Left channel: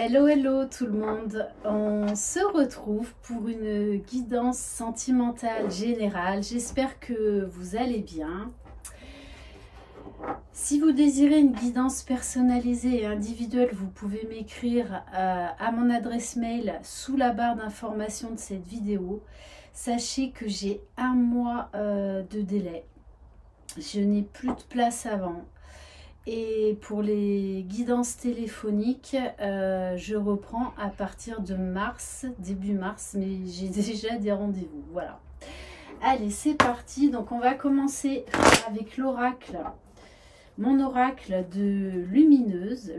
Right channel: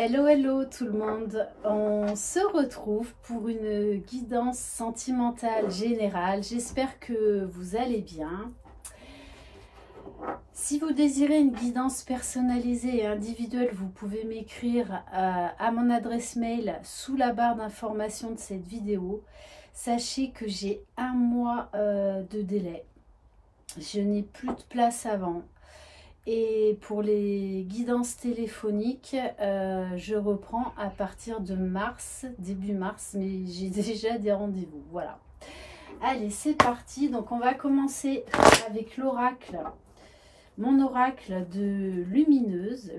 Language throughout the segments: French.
Hello, hello tout le monde. On se retrouve pour une guidance sentimentale générale. J'espère que vous allez bien. Si vous désirez une guidance personnalisée et individuelle, vous pouvez m'écrire à mon adresse mail sous la barre d'information de cette vidéo. Sachez que j'ai un mois de délai. Je n'ai plus de place avant. Et pour les guidances téléphoniques, je reprends à partir de mars, début mars, mais j'ai déjà des rendez-vous. Voilà. Allez, c'est parti. Donc, on va commencer avec l'oracle. Mon oracle de lumineuse,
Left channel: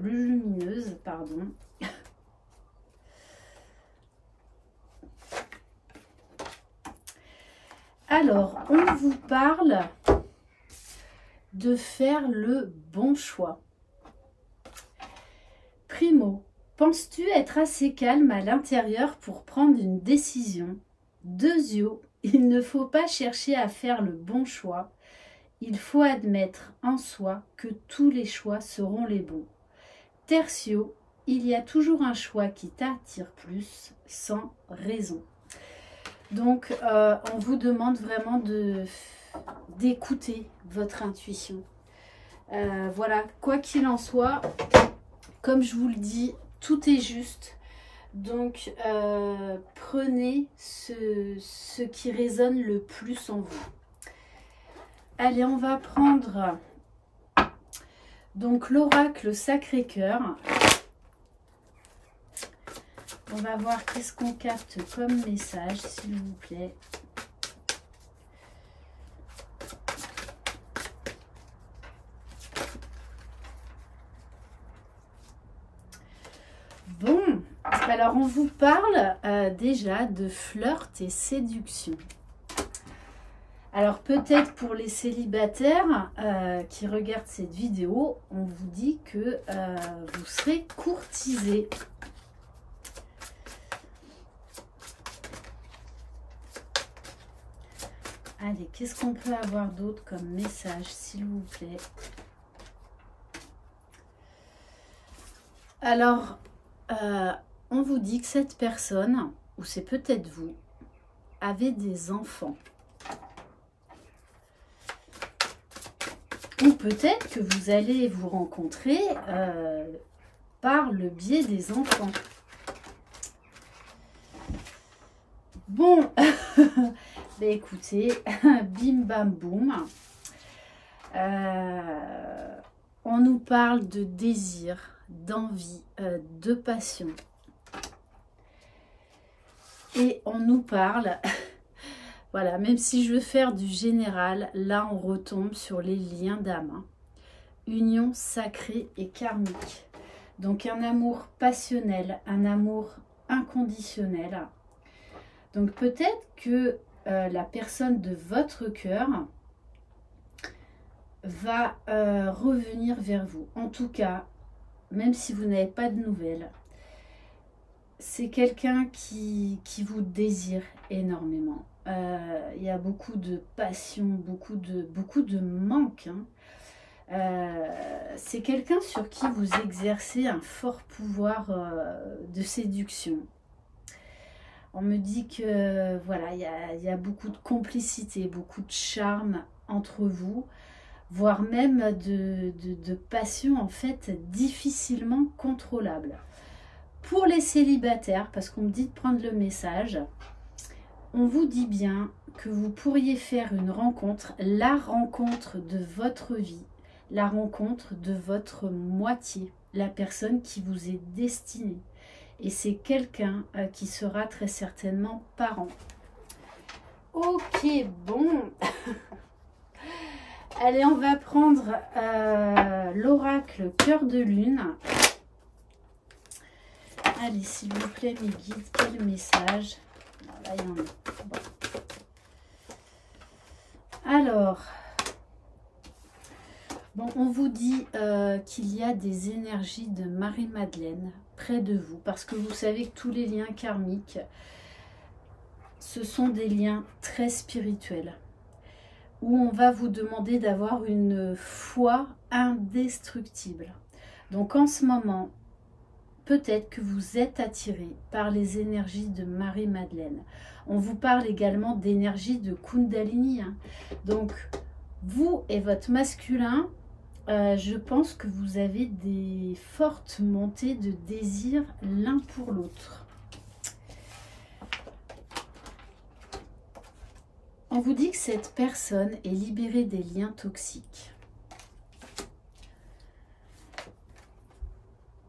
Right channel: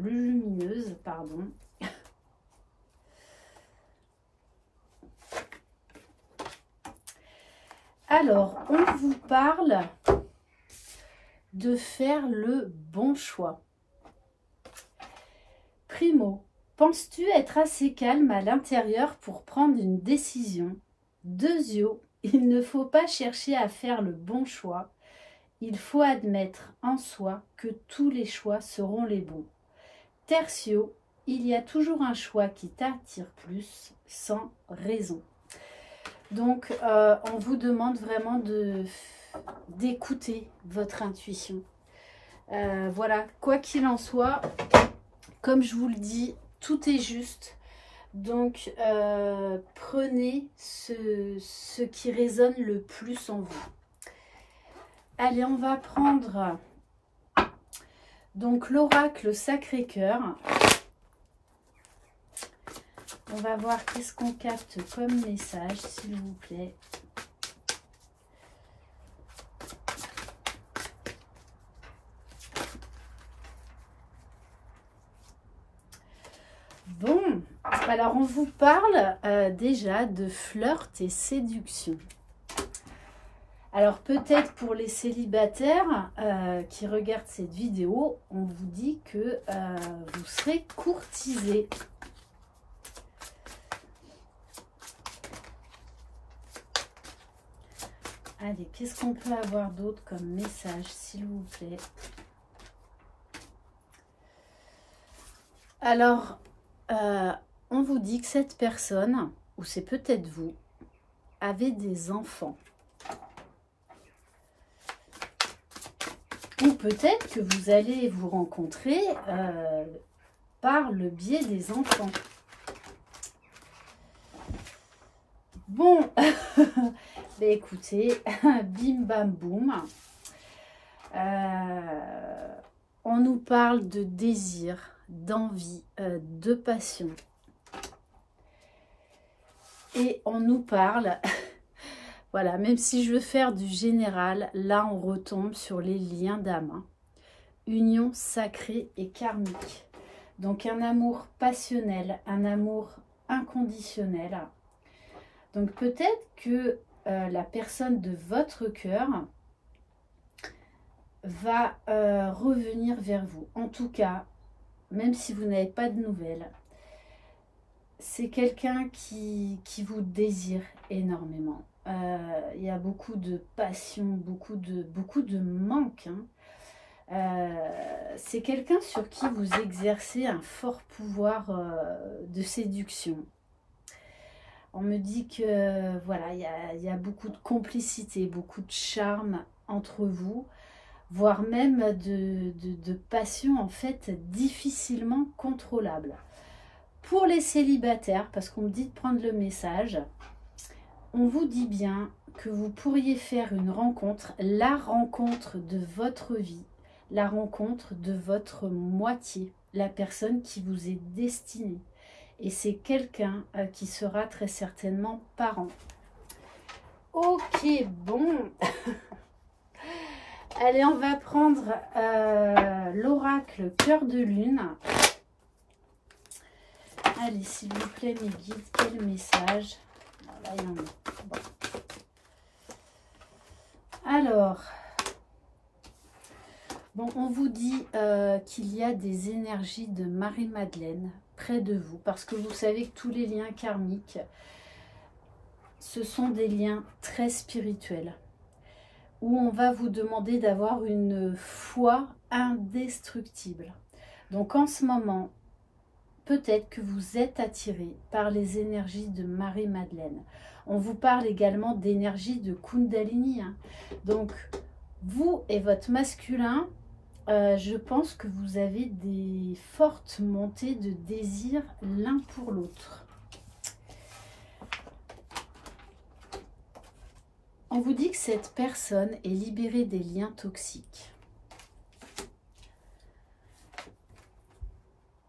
pardon. Alors, on vous parle de faire le bon choix. Primo, penses-tu être assez calme à l'intérieur pour prendre une décision? Deuxio, il ne faut pas chercher à faire le bon choix. Il faut admettre en soi que tous les choix seront les bons. Tertio, il y a toujours un choix qui t'attire plus, sans raison. Donc, on vous demande vraiment d'écouter votre intuition. Voilà, quoi qu'il en soit, comme je vous le dis, tout est juste. Donc, prenez ce qui résonne le plus en vous. Allez, on va prendre donc l'oracle Sacré-Cœur. On va voir qu'est-ce qu'on capte comme message, s'il vous plaît. Bon, alors on vous parle déjà de flirt et séduction. Alors peut-être pour les célibataires qui regardent cette vidéo, on vous dit que vous serez courtisé. Allez, qu'est-ce qu'on peut avoir d'autre comme message, s'il vous plaît? Alors, on vous dit que cette personne, ou c'est peut-être vous, avez des enfants. Ou peut-être que vous allez vous rencontrer par le biais des enfants. Bon, bah écoutez, bim bam boum. On nous parle de désir, d'envie, de passion. Et on nous parle... Voilà, même si je veux faire du général, là on retombe sur les liens d'âme. Union sacrée et karmique. Donc un amour passionnel, un amour inconditionnel. Donc peut-être que la personne de votre cœur va revenir vers vous. En tout cas, même si vous n'avez pas de nouvelles, c'est quelqu'un qui vous désire énormément. Il y a beaucoup de passion, beaucoup de manque. Hein. C'est quelqu'un sur qui vous exercez un fort pouvoir de séduction. On me dit que voilà, il y a beaucoup de complicité, beaucoup de charme entre vous, voire même de passion en fait difficilement contrôlable. Pour les célibataires, parce qu'on me dit de prendre le message, on vous dit bien que vous pourriez faire une rencontre, la rencontre de votre vie, la rencontre de votre moitié, la personne qui vous est destinée. Et c'est quelqu'un qui sera très certainement parent. Ok, bon. Allez, on va prendre l'oracle Cœur de Lune. Allez, s'il vous plaît, mes guides, quel message? Là, il y en a. Bon. Alors, bon, on vous dit qu'il y a des énergies de Marie-Madeleine près de vous, parce que vous savez que tous les liens karmiques, ce sont des liens très spirituels, où on va vous demander d'avoir une foi indestructible. Donc en ce moment, peut-être que vous êtes attiré par les énergies de Marie-Madeleine. On vous parle également d'énergie de Kundalini, hein. Donc, vous et votre masculin, je pense que vous avez des fortes montées de désir l'un pour l'autre. On vous dit que cette personne est libérée des liens toxiques.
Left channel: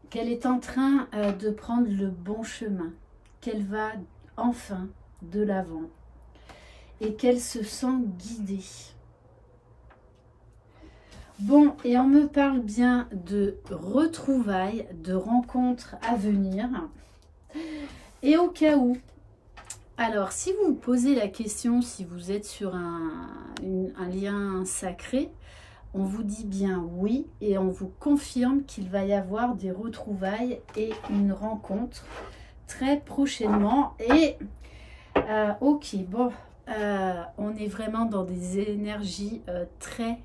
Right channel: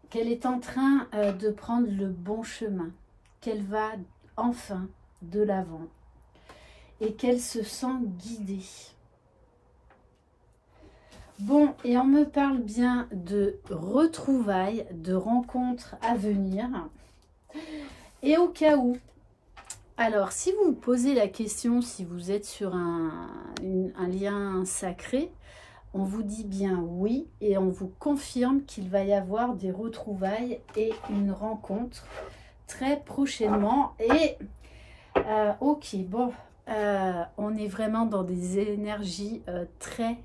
Qu'elle est en train de prendre le bon chemin. Qu'elle va enfin de l'avant. Et qu'elle se sent guidée. Bon, et on me parle bien de retrouvailles, de rencontres à venir. Et au cas où, alors si vous vous posez la question, si vous êtes sur un lien sacré, on vous dit bien oui et on vous confirme qu'il va y avoir des retrouvailles et une rencontre très prochainement. Et ok, bon, on est vraiment dans des énergies très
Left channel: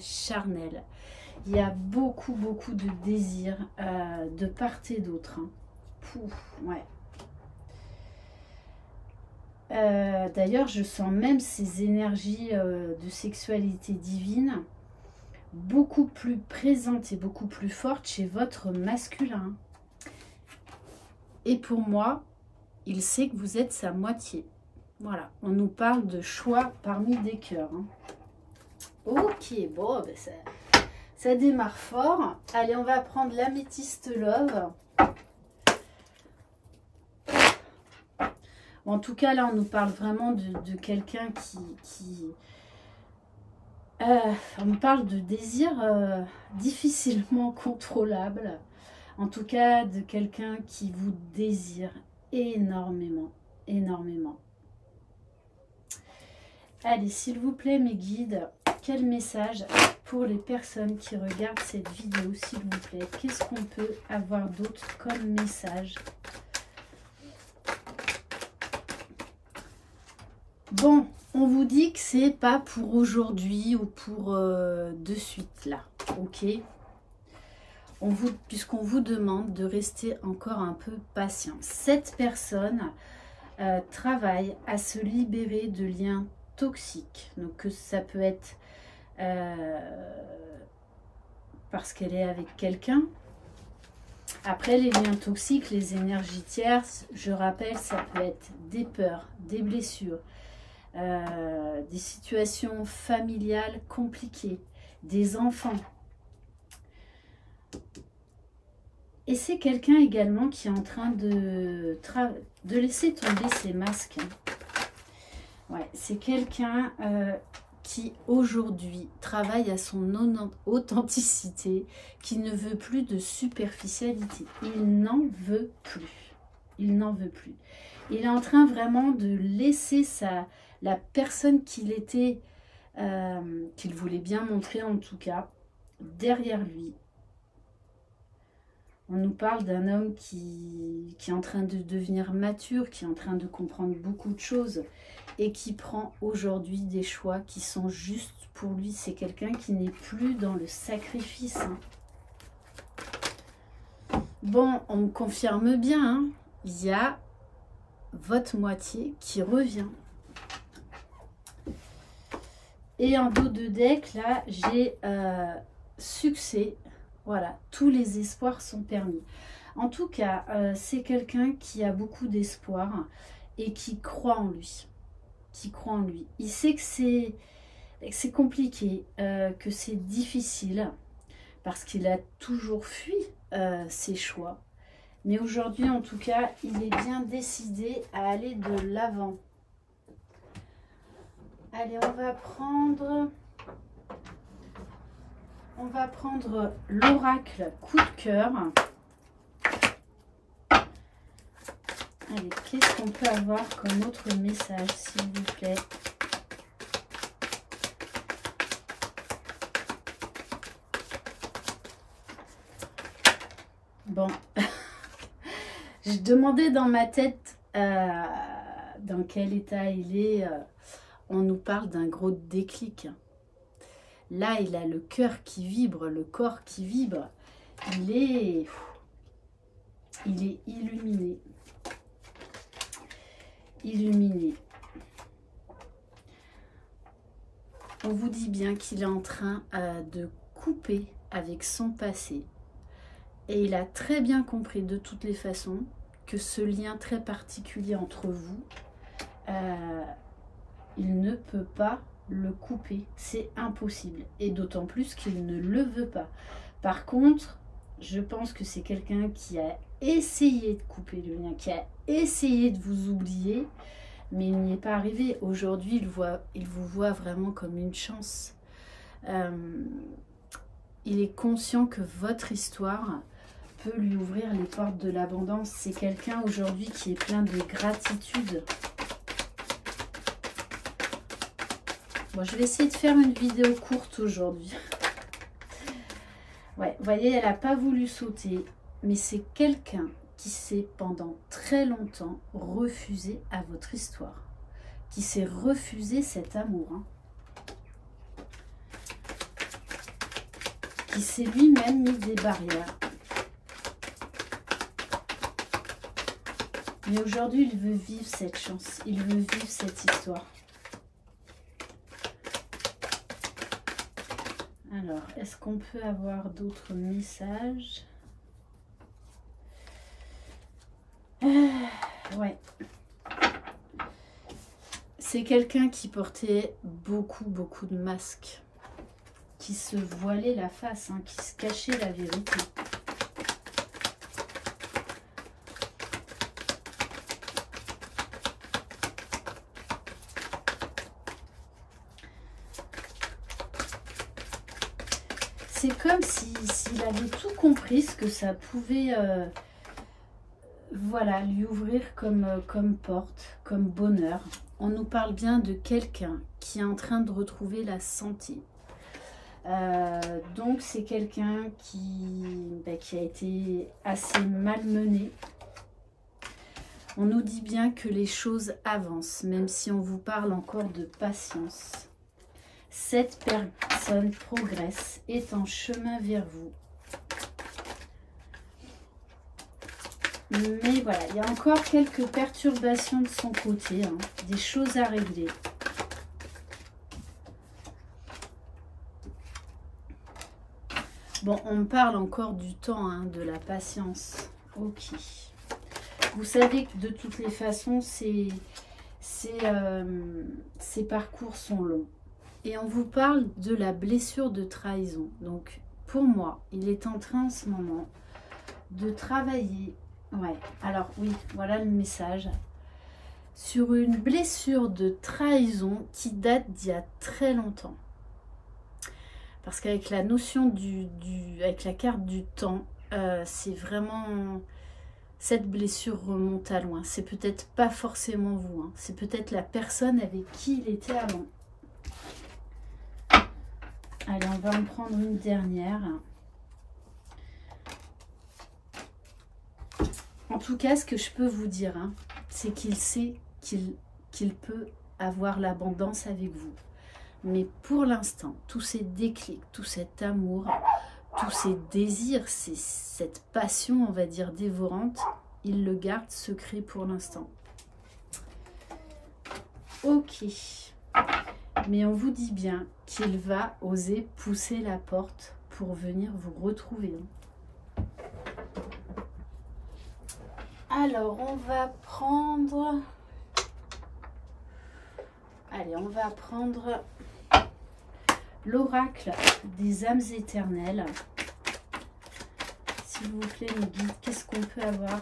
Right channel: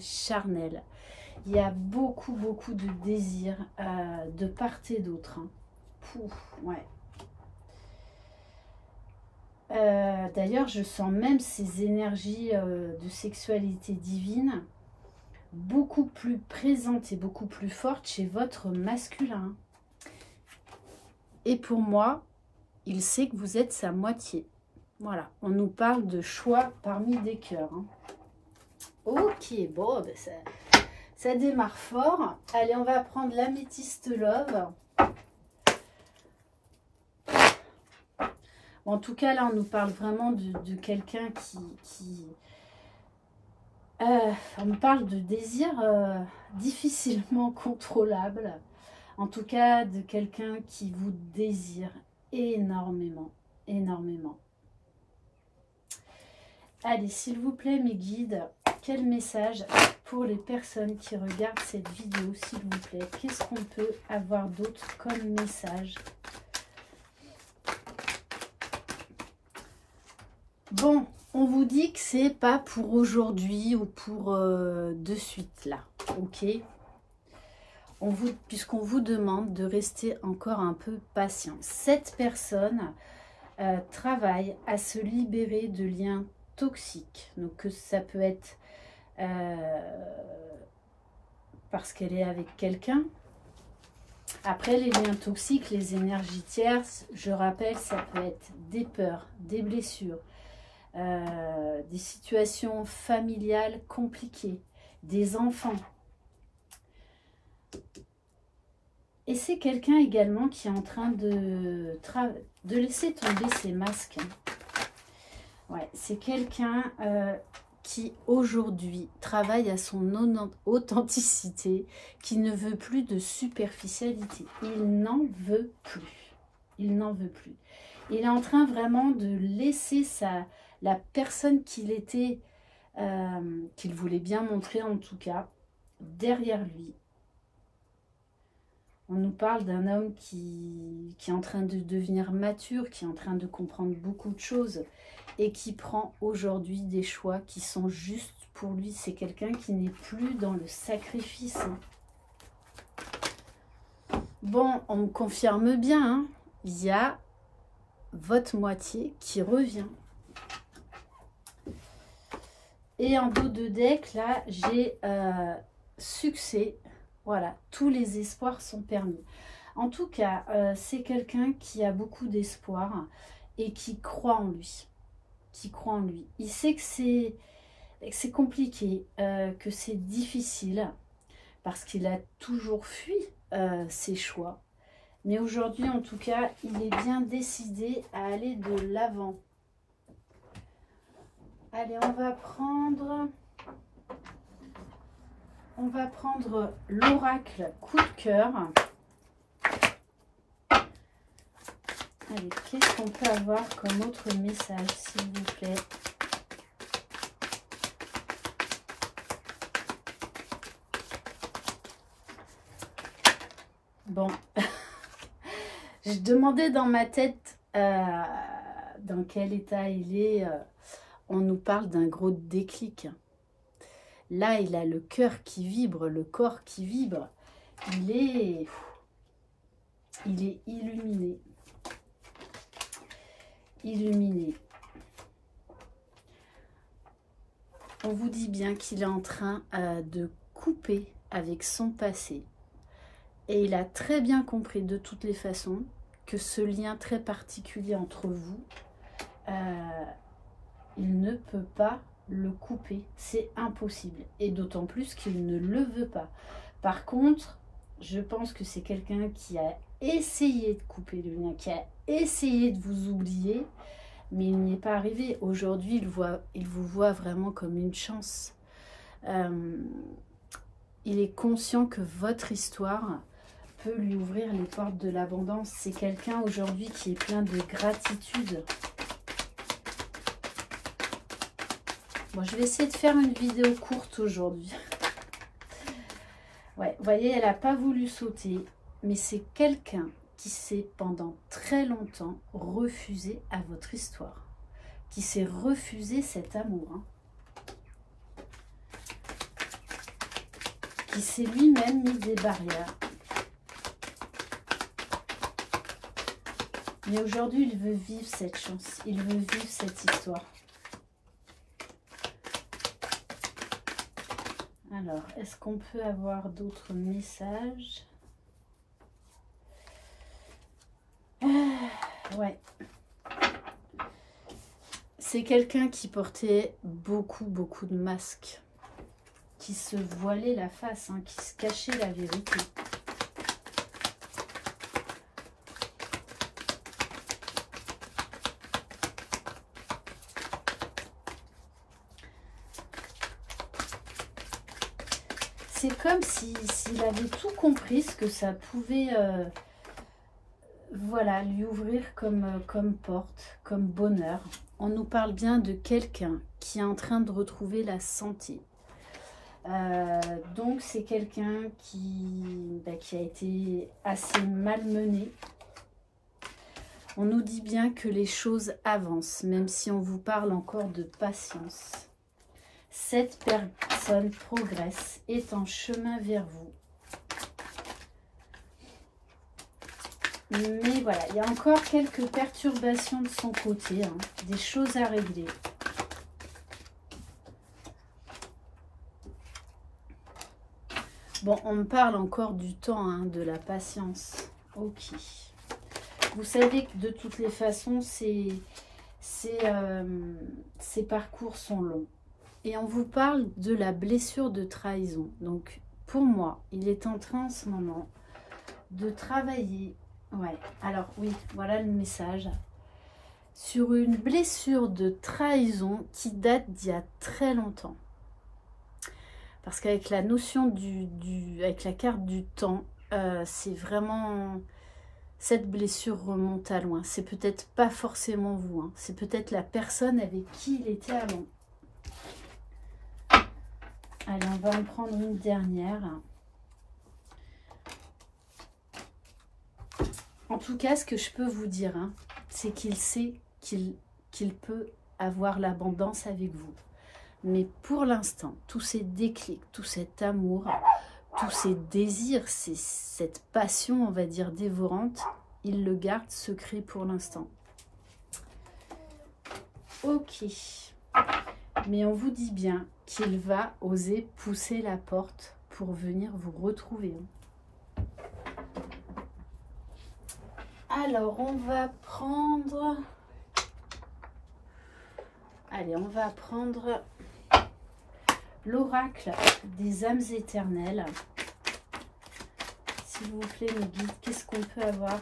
charnel. Il y a beaucoup de désir de part et d'autre, hein. Pouf, ouais. D'ailleurs, je sens même ces énergies de sexualité divine beaucoup plus présentes et beaucoup plus fortes chez votre masculin. Et pour moi, il sait que vous êtes sa moitié. Voilà, on nous parle de choix parmi des cœurs, hein. Ok, bon, ben ça démarre fort. Allez, on va prendre l'améthyste love. En tout cas, là, on nous parle vraiment de quelqu'un on nous parle de désir difficilement contrôlable. En tout cas, de quelqu'un qui vous désire énormément. Allez, s'il vous plaît, mes guides, quel message pour les personnes qui regardent cette vidéo, s'il vous plaît? Qu'est-ce qu'on peut avoir d'autre comme message? Bon, on vous dit que c'est pas pour aujourd'hui ou pour de suite là, ok? Puisqu'on vous demande de rester encore un peu patient. Cette personne travaille à se libérer de liens toxiques. Donc ça peut être parce qu'elle est avec quelqu'un. Après, les liens toxiques, les énergies tierces, je rappelle, ça peut être des peurs, des blessures, des situations familiales compliquées, des enfants. Et c'est quelqu'un également qui est en train de laisser tomber ses masques. Ouais, c'est quelqu'un qui aujourd'hui travaille à son authenticité, qui ne veut plus de superficialité. Il n'en veut plus. Il n'en veut plus. Il est en train vraiment de laisser la personne qu'il était, qu'il voulait bien montrer en tout cas, derrière lui. On nous parle d'un homme qui est en train de devenir mature, qui est en train de comprendre beaucoup de choses et qui prend aujourd'hui des choix qui sont justes pour lui. C'est quelqu'un qui n'est plus dans le sacrifice, hein. Bon, on me confirme bien, hein, il y a votre moitié qui revient. Et en dos de deck, là, j'ai succès. Voilà, tous les espoirs sont permis. En tout cas, c'est quelqu'un qui a beaucoup d'espoir et qui croit en lui. Il sait que c'est compliqué, que c'est difficile, parce qu'il a toujours fui ses choix. Mais aujourd'hui, en tout cas, il est bien décidé à aller de l'avant. Allez, on va prendre l'oracle coup de cœur. Allez, qu'est-ce qu'on peut avoir comme autre message, s'il vous plaît? Bon, je demandais dans ma tête dans quel état il est. On nous parle d'un gros déclic. Là, il a le cœur qui vibre, le corps qui vibre. Il est il est illuminé. Illuminé. On vous dit bien qu'il est en train de couper avec son passé. Et il a très bien compris de toutes les façons que ce lien très particulier entre vous, il ne peut pas le couper. C'est impossible. Et d'autant plus qu'il ne le veut pas. Par contre, je pense que c'est quelqu'un qui a essayé de couper le lien, qui a essayé de vous oublier, mais il n'y est pas arrivé. Aujourd'hui, il vous voit vraiment comme une chance. Il est conscient que votre histoire peut lui ouvrir les portes de l'abondance. C'est quelqu'un aujourd'hui qui est plein de gratitude. Bon, je vais essayer de faire une vidéo courte aujourd'hui. Ouais, vous voyez, elle n'a pas voulu sauter, mais c'est quelqu'un qui s'est pendant très longtemps refusé à votre histoire, qui s'est refusé cet amour, hein. Qui s'est lui-même mis des barrières. Mais aujourd'hui, il veut vivre cette chance, il veut vivre cette histoire. Alors, est-ce qu'on peut avoir d'autres messages? Ouais. C'est quelqu'un qui portait beaucoup de masques, qui se voilait la face, hein, qui se cachait la vérité. C'est comme s'il avait tout compris, ce que ça pouvait voilà, lui ouvrir comme porte, comme bonheur. On nous parle bien de quelqu'un qui est en train de retrouver la santé. Donc c'est quelqu'un qui a été assez malmené. On nous dit bien que les choses avancent, même si on vous parle encore de patience. Cette personne progresse, est en chemin vers vous. Mais voilà, il y a encore quelques perturbations de son côté, hein, des choses à régler. Bon, on me parle encore du temps, hein, de la patience. Ok. Vous savez que de toutes les façons, ces parcours sont longs. Et on vous parle de la blessure de trahison. Donc, pour moi, il est en train en ce moment de travailler. Ouais, alors oui, voilà le message. Sur une blessure de trahison qui date d'il y a très longtemps. Parce qu'avec la notion avec la carte du temps, c'est vraiment... Cette blessure remonte à loin. C'est peut-être pas forcément vous, hein. C'est peut-être la personne avec qui il était avant. Allez, on va en prendre une dernière. En tout cas, ce que je peux vous dire, hein, c'est qu'il sait qu'il peut avoir l'abondance avec vous. Mais pour l'instant, tous ces déclics, tout cet amour, tous ces désirs, cette passion, on va dire, dévorante, il le garde secret pour l'instant. Ok. Mais on vous dit bien qu'il va oser pousser la porte pour venir vous retrouver. Alors, on va prendre... Allez, on va prendre l'oracle des âmes éternelles. S'il vous plaît, mes guides, qu'est-ce qu'on peut avoir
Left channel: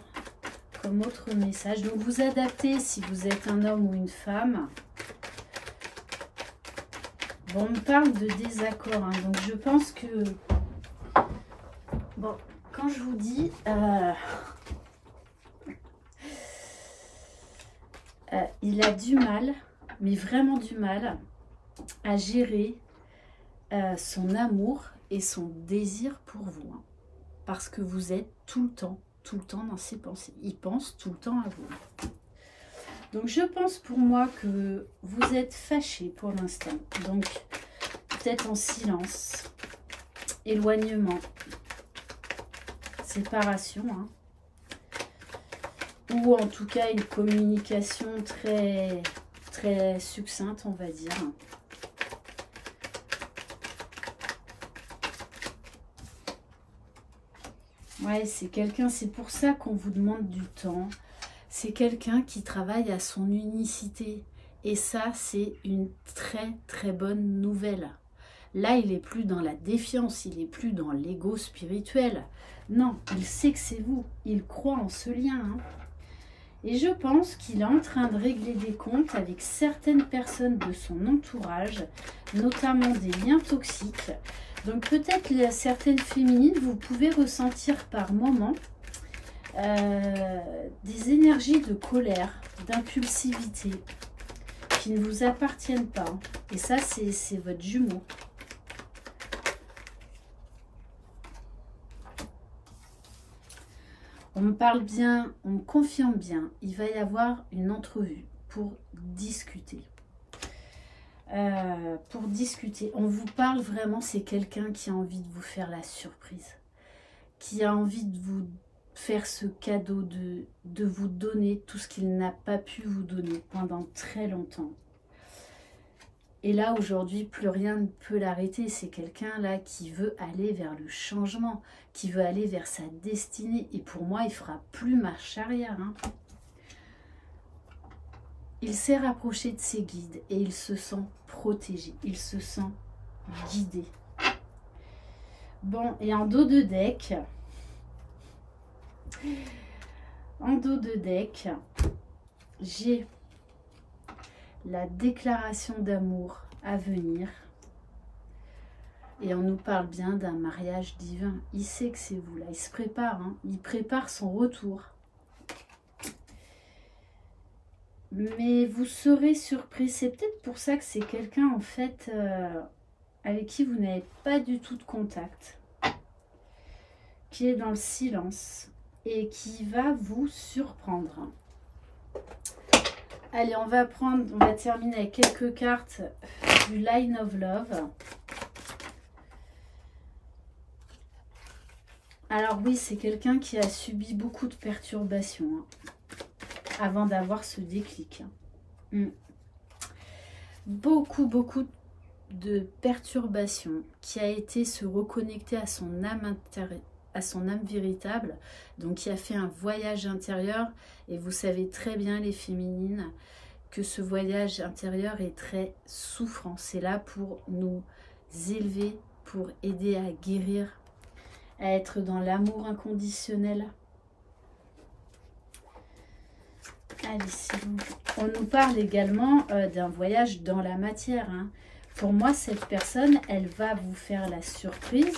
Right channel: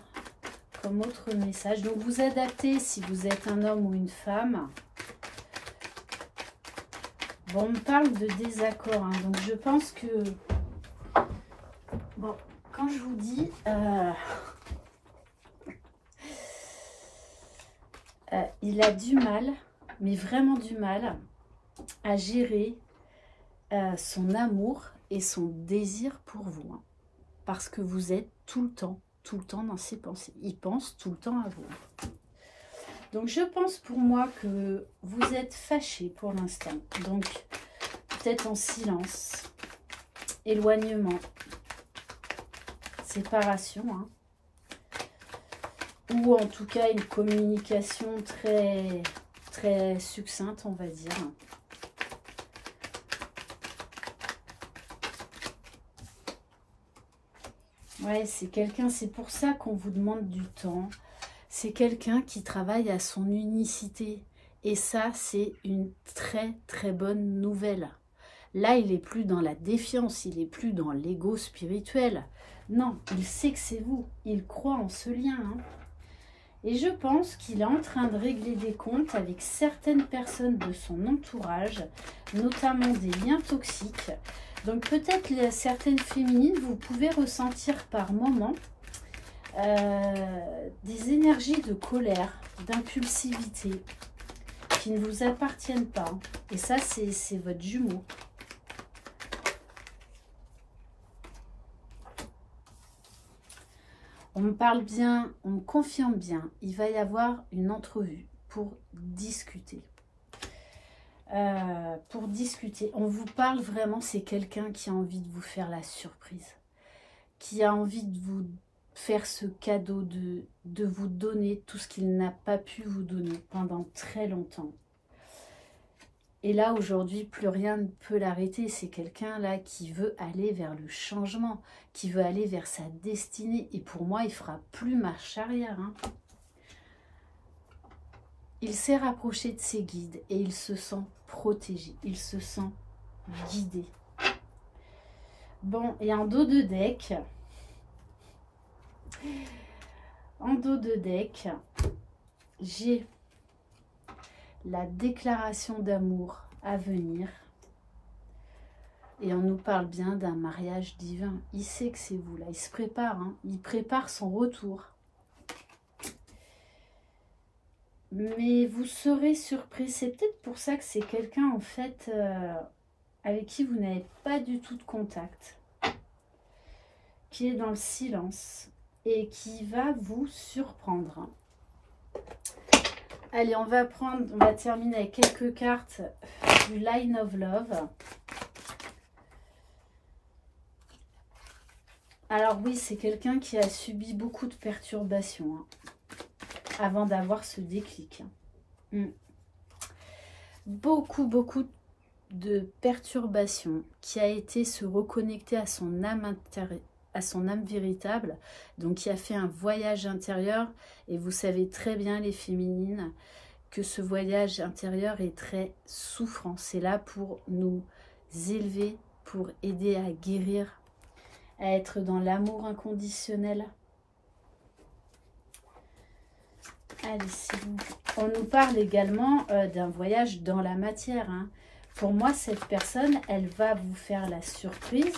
comme autre message? Donc, vous adaptez si vous êtes un homme ou une femme. Bon, on me parle de désaccord, hein, donc je pense que... Bon, quand je vous dis... il a du mal, mais vraiment du mal, à gérer son amour et son désir pour vous. Hein, parce que vous êtes tout le temps dans ses pensées. Il pense tout le temps à vous. Donc, je pense pour moi que vous êtes fâché pour l'instant. Donc, peut-être en silence, éloignement, séparation. Hein. ou en tout cas une communication très succincte, on va dire. Ouais, c'est quelqu'un, c'est pour ça qu'on vous demande du temps. C'est quelqu'un qui travaille à son unicité. Et ça, c'est une très bonne nouvelle. Là, il n'est plus dans la défiance, il n'est plus dans l'ego spirituel. Non, il sait que c'est vous. Il croit en ce lien. Hein. Et je pense qu'il est en train de régler des comptes avec certaines personnes de son entourage, notamment des liens toxiques. Donc peut-être certaines féminines, vous pouvez ressentir par moments des énergies de colère, d'impulsivité, qui ne vous appartiennent pas. Et ça, c'est votre jumeau. On me parle bien, on me confirme bien. Il va y avoir une entrevue pour discuter. On vous parle vraiment, c'est quelqu'un qui a envie de vous faire la surprise. Qui a envie de vous faire ce cadeau, de vous donner tout ce qu'il n'a pas pu vous donner pendant très longtemps. Et là, aujourd'hui, plus rien ne peut l'arrêter. C'est quelqu'un là qui veut aller vers le changement, qui veut aller vers sa destinée. Et pour moi, il ne fera plus marche arrière. Hein. Il s'est rapproché de ses guides et il se sent protégé. Il se sent guidé. Bon, et en dos de deck, j'ai la déclaration d'amour à venir. Et on nous parle bien d'un mariage divin. Il sait que c'est vous là. Il se prépare. Hein. Il prépare son retour. Mais vous serez surpris. C'est peut-être pour ça que c'est quelqu'un en fait avec qui vous n'avez pas du tout de contact. Qui est dans le silence. Et qui va vous surprendre. Allez, on va terminer avec quelques cartes du Line of Love. Alors oui, c'est quelqu'un qui a subi beaucoup de perturbations hein, avant d'avoir ce déclic. Beaucoup de perturbations qui a été se reconnecter à son âme intérieure. À son âme véritable, donc qui a fait un voyage intérieur, et vous savez très bien les féminines que ce voyage intérieur est très souffrant. C'est là pour nous élever, pour aider à guérir, à être dans l'amour inconditionnel. Allez, on nous parle également d'un voyage dans la matière. Hein. Pour moi, cette personne, elle va vous faire la surprise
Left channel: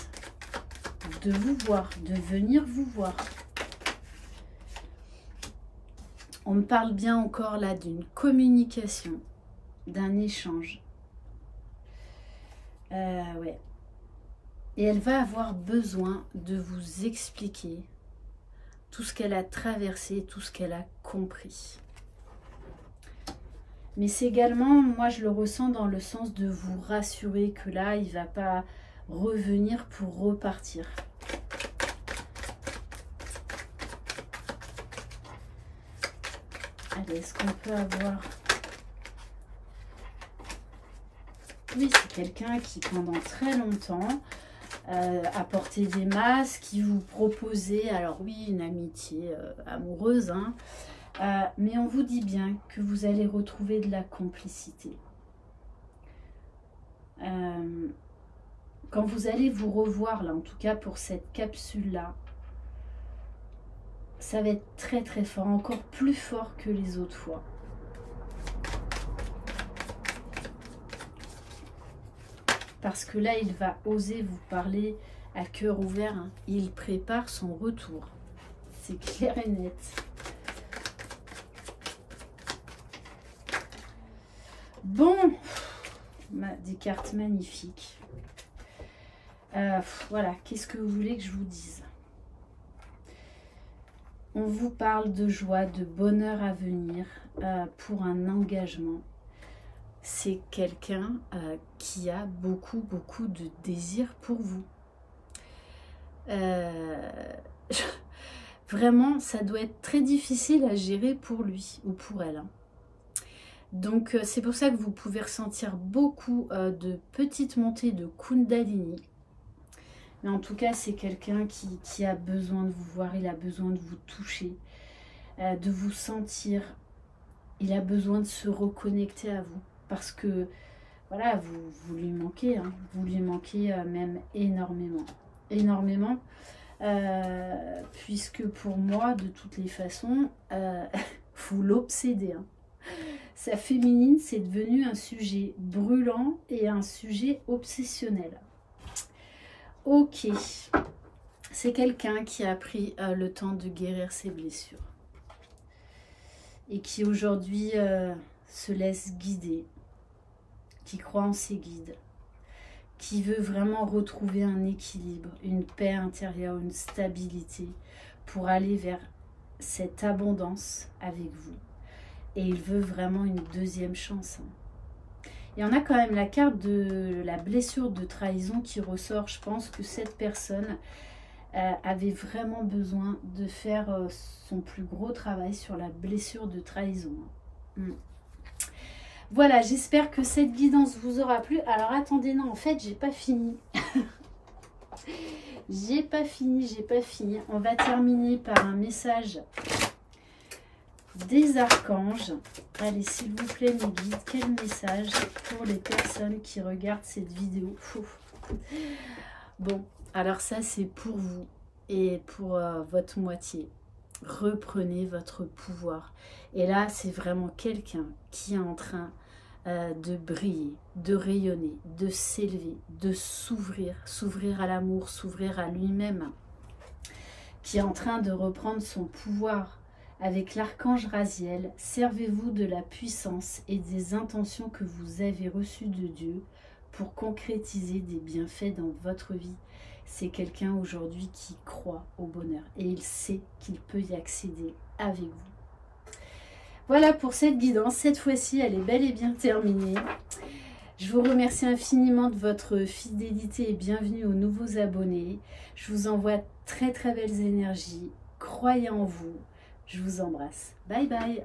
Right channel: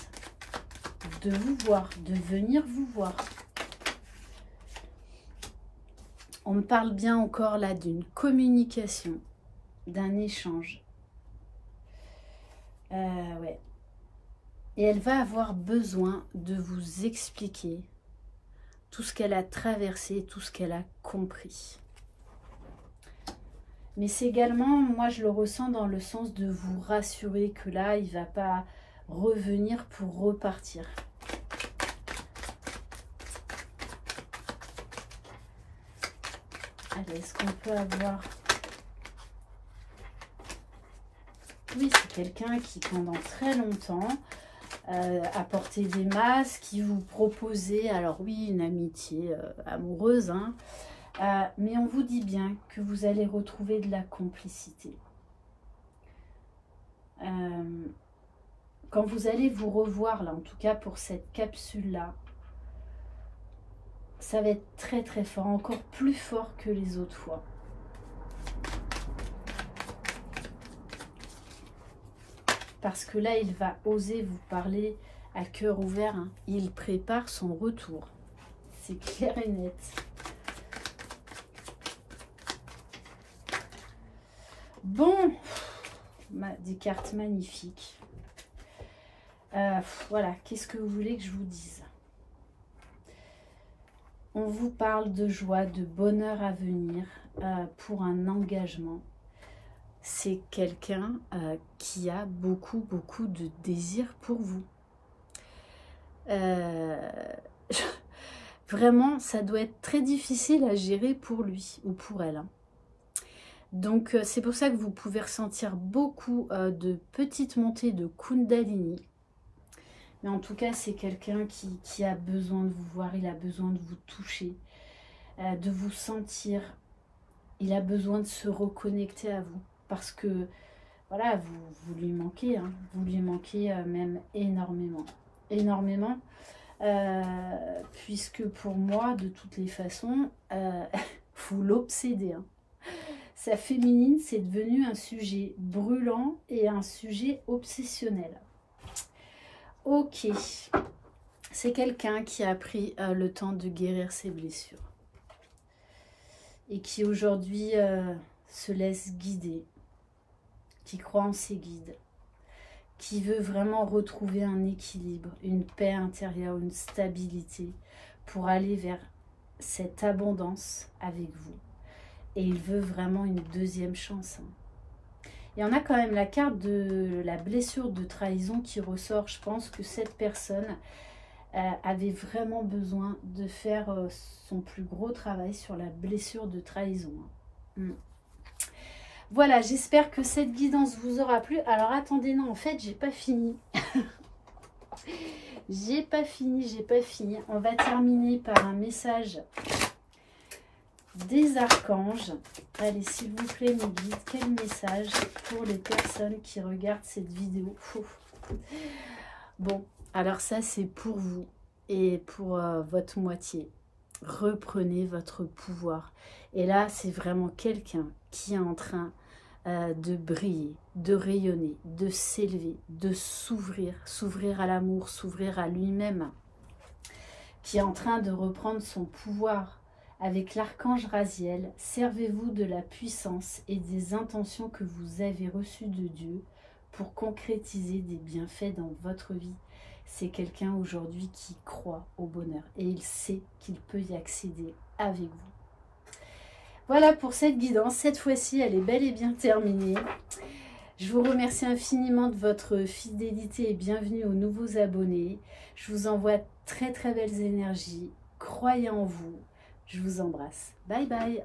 de vous voir, de venir vous voir. On me parle bien encore là d'une communication, d'un échange. Ouais. Et elle va avoir besoin de vous expliquer tout ce qu'elle a traversé, tout ce qu'elle a compris. Mais c'est également, moi je le ressens dans le sens de vous rassurer que là, il ne va pas revenir pour repartir. Allez, est-ce qu'on peut avoir... Oui, c'est quelqu'un qui pendant très longtemps a porté des masques, qui vous proposait, alors oui, une amitié amoureuse, hein, mais on vous dit bien que vous allez retrouver de la complicité. Quand vous allez vous revoir, là, en tout cas pour cette capsule-là, ça va être très fort, encore plus fort que les autres fois. Parce que là, il va oser vous parler à cœur ouvert. Hein. Il prépare son retour. C'est clair et net. Bon, des cartes magnifiques. Voilà, qu'est-ce que vous voulez que je vous dise? On vous parle de joie, de bonheur à venir pour un engagement. C'est quelqu'un qui a beaucoup de désir pour vous. vraiment, ça doit être très difficile à gérer pour lui ou pour elle. Hein. Donc, c'est pour ça que vous pouvez ressentir beaucoup de petites montées de Kundalini. Mais en tout cas, c'est quelqu'un qui a besoin de vous voir, il a besoin de vous toucher, de vous sentir. Il a besoin de se reconnecter à vous. Parce que, voilà, vous lui manquez. Hein, vous lui manquez même énormément. Énormément. Puisque pour moi, de toutes les façons, vous l'obsédez. Hein. Sa féminine, c'est devenu un sujet brûlant et un sujet obsessionnel. Ok, c'est quelqu'un qui a pris le temps de guérir ses blessures et qui aujourd'hui se laisse guider, qui croit en ses guides, qui veut vraiment retrouver un équilibre, une paix intérieure, une stabilité pour aller vers cette abondance avec vous. Et il veut vraiment une deuxième chance. Hein. Et on a quand même la carte de la blessure de trahison qui ressort. Je pense que cette personne avait vraiment besoin de faire son plus gros travail sur la blessure de trahison. Voilà, j'espère que cette guidance vous aura plu. Alors attendez, non, en fait, j'ai pas fini. J'ai pas fini. On va terminer par un message des archanges. Allez, s'il vous plaît, mes guides, quel message pour les personnes qui regardent cette vidéo? Bon, alors ça, c'est pour vous et pour votre moitié. Reprenez votre pouvoir. Et là, c'est vraiment quelqu'un qui est en train de briller, de rayonner, de s'élever, de s'ouvrir, s'ouvrir à l'amour, s'ouvrir à lui-même, qui est en train de reprendre son pouvoir. Avec l'archange Raziel, servez-vous de la puissance et des intentions que vous avez reçues de Dieu pour concrétiser des bienfaits dans votre vie. C'est quelqu'un aujourd'hui qui croit au bonheur et il sait qu'il peut y accéder avec vous. Voilà pour cette guidance. Cette fois-ci, elle est bel et bien terminée. Je vous remercie infiniment de votre fidélité et bienvenue aux nouveaux abonnés. Je vous envoie très très belles énergies. Croyez en vous. Je vous embrasse. Bye bye.